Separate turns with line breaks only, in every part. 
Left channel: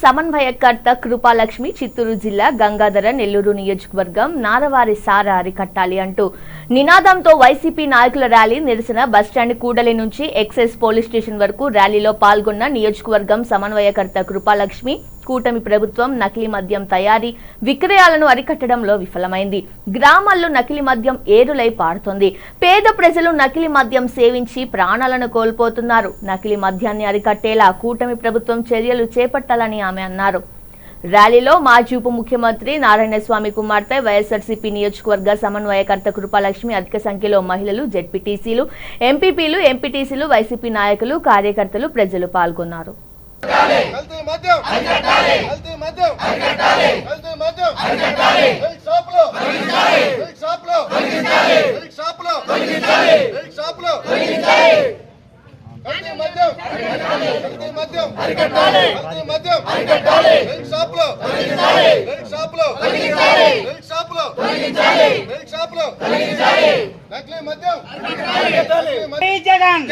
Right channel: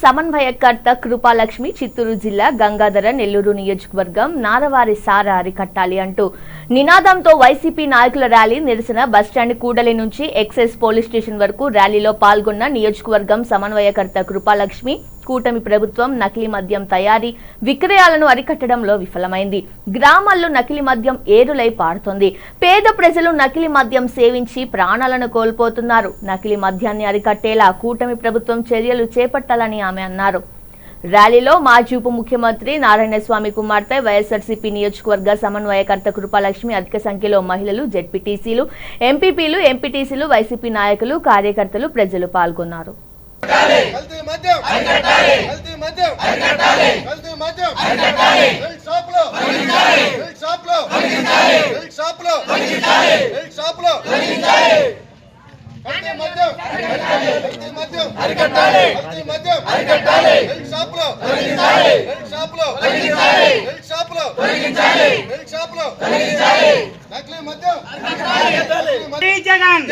సమన్వయకర్త కృపాలక్ష్మి చిత్తూరు జిల్లా గంగాధర నెల్లూరు నియోజకవర్గం నారవారి సార అరికట్టాలి అంటూ నినాదంతో వైసీపీ నాయకుల ర్యాలీ నిరసన బస్టాండ్ కూడలి నుంచి ఎక్సైజ్ పోలీస్ స్టేషన్ వరకు ర్యాలీలో పాల్గొన్న నియోజకవర్గం సమన్వయకర్త కృపాలక్ష్మి కూటమి ప్రభుత్వం నకిలీ మద్యం తయారీ విక్రయాలను అరికట్టడంలో విఫలమైంది. గ్రామాల్లో నకిలీ మద్యం ఏరులై పారుతోంది. పేద ప్రజలు నకిలీ మద్యం సేవించి ప్రాణాలను కోల్పోతున్నారు. నకిలీ మద్యాన్ని అరికట్టేలా కూటమి ప్రభుత్వం చర్యలు చేపట్టాలని ఆమె అన్నారు. ర్యాలీలో మాజీ ఉప ముఖ్యమంత్రి నారాయణస్వామి కుమార్తె వైఎస్ఆర్సీపీ నియోజకవర్గ సమన్వయకర్త కృపాలక్ష్మి అధిక సంఖ్యలో మహిళలు జెడ్పీటీసీలు ఎంపీపీలు ఎంపీటీసీలు వైసీపీ నాయకులు కార్యకర్తలు ప్రజలు పాల్గొన్నారు.
కల్తీ మద్యం కల్తీ మద్యం కల్తీ మద్యం హెల్త్ షాప్లో హెల్త్ షాప్లో హెల్త్ షాప్లో హెల్త్ షాప్లో కల్తీ మద్యం కల్తీ మద్యం కల్తీ మద్యం హెల్త్ షాప్లో హెల్త్ షాప్లో హెల్త్ షాప్లో హెల్త్ షాప్లో నకిలీ మద్యం నకిలీ మద్యం
జై జగన్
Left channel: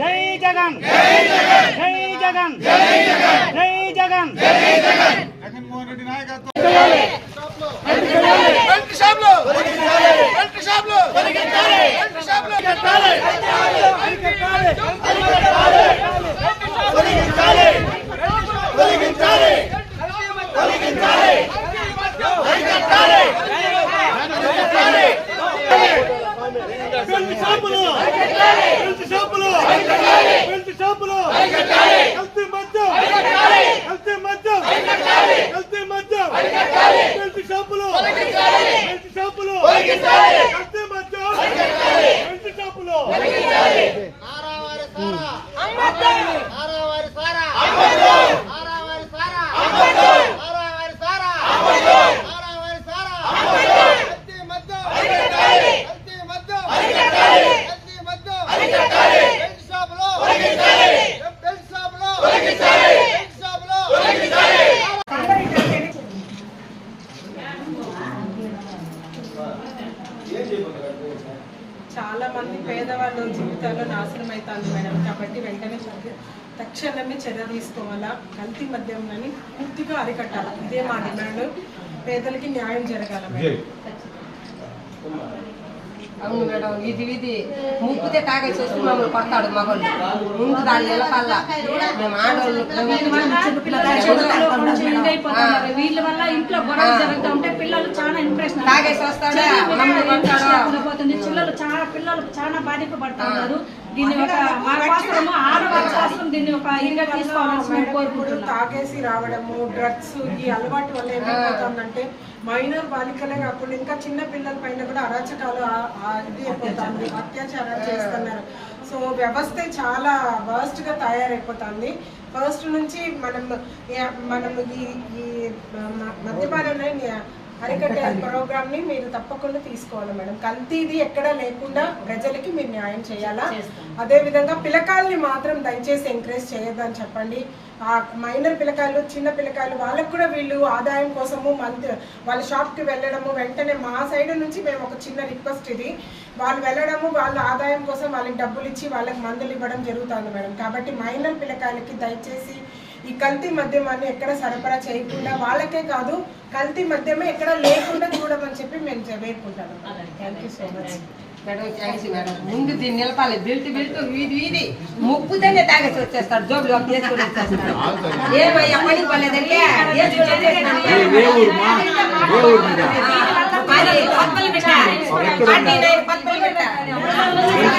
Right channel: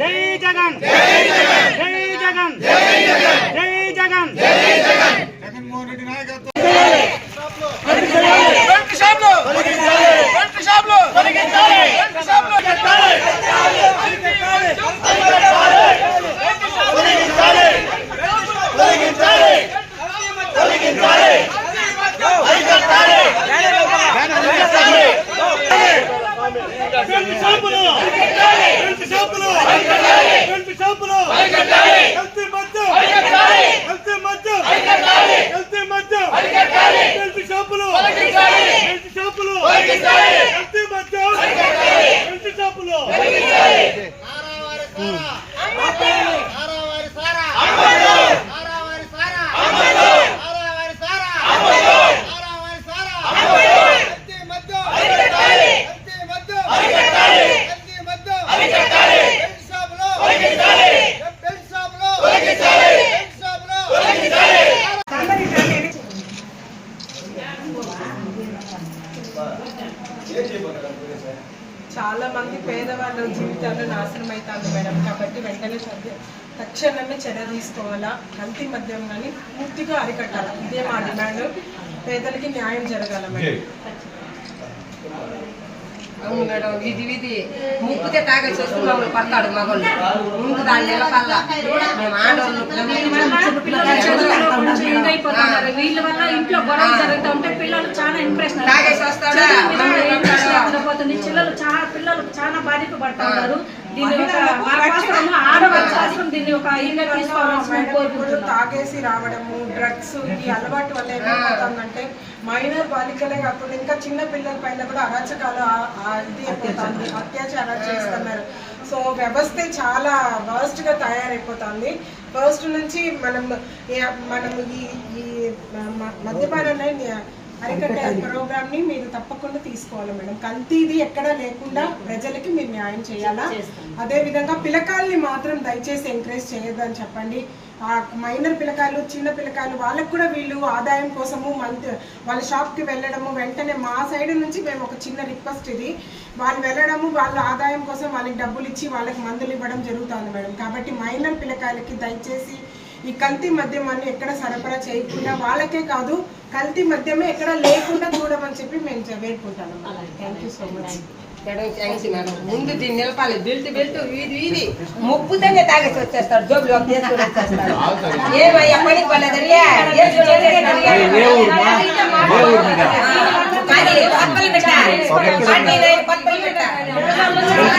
జై జగన్ జై జగన్ జై జగన్ జగన్మోహన్ రెడ్డి నాయకత్వం రెండు షాపులు రెండు షాపులు రెండు షాపులు కల్తీ మద్యం కల్తీ మద్యం కల్తీ రెండు షాపులు. రెండు షాపులు. కల్తీ మద్యం. రెండు షాపులు.
చాలా మంది పేదవాళ్ళ జీవితాల్లో నాశనం అవుతారు మేడం. కాబట్టి వెంటనే తక్షణమే చర్య తీసుకోవాలా? కల్తీ మద్యం కానీ పూర్తిగా అరికట్టాలి? ఇదే మా డిమాండ్. పేదలకి న్యాయం జరగాల మేడం?
అవును మేడం ఇది ఇది ముప్పితే తాగేసి వచ్చి మమ్మల్ని పడతాడు మగోళ్ళు. ముందు దాని నిలపల్లా. మేము ఆడవాళ్ళు
చేంజ్ అయిపోతున్నారు వీళ్ళ వల్ల ఇంట్లో గొడవ జరుగుతూ ఉంటే పిల్లలు చాలా ఇంప్రెషన్
తాగేసి వస్తాడా? మమ్మల్ని
పోతుంది పిల్లలు చాలా పిల్లలు చాలా బాధింపబడుతున్నారు దీన్ని ఒక ఆడవాళ్ళ దీన్ని ఒక ఇదిగా తీసుకోవాల్సిన కోరుకుంటున్నాం.
తాగేసి రావడము డ్రగ్స్ ఈ అలవాటు వల్ల ఏమైపోతుందంటే మైనర్ బాలికలే కాకుండా ఇంకా చిన్న పిల్లల పైన కూడా అరాచకాలు ఇది అయిపోతుంది. అత్యాచారాలు చేస్తున్నారు. సో వ్యవస్థ చాలా వర్స్ట్గా తయారైపోతుంది. ఫస్ట్ నుంచి మనం మనం ఈ ఈ మ- మద్యపానాన్ని అరికట్టే ప్రోగ్రామ్ని మీరు తప్పకుండా తీసుకోవాలి మేడం. కల్తీది ఎక్కడ లేకుండా ప్రజలకి మీరు న్యాయం చేయాలా? అదే విధంగా పిల్లకాయల్ని మాత్రం దయచేసి ఎంకరేజ్ చేయొద్దని చెప్పండి. ఆ మైనర్ పిల్లకాయలు చిన్న పిల్లకాయలు వాళ్ళకు కూడా వీళ్ళు ఆదాయం కోసము మంత్ వాళ్ళ షాప్కి వెళ్ళడము వెంటనే మా సైడ్ నుంచి మేము ఒక చిన్న రిక్వెస్ట్ ఇది. వాళ్ళు వెళ్ళడము వాళ్ళ ఆదాయం కోసం వాళ్ళకి డబ్బులు ఇచ్చి వాళ్ళకి మందులు ఇవ్వడం జరుగుతుంది మేడం. కాబట్టి మైనర్ పిల్లకాయలకి దయచేసి ఈ కల్తీ మద్యమాన్ని ఎక్కడ సరఫరా చేయకుండా వాళ్ళకే కాదు కల్తీ మద్యమే ఎక్కడ లేకుండా చూడమని చెప్పి మేము వేడుకుంటాను thank you so much
madam thanks madam ముందు దీన్ని నిలపాలి బెల్ట్ బెల్ట్ వీధి వీధి ముప్పుతేనే తాగేసి వచ్చేస్తాడు జోబులో తీసుకుని వచ్చేస్తాడు ఏమయ్యా పనికి పడలేదండి కానీ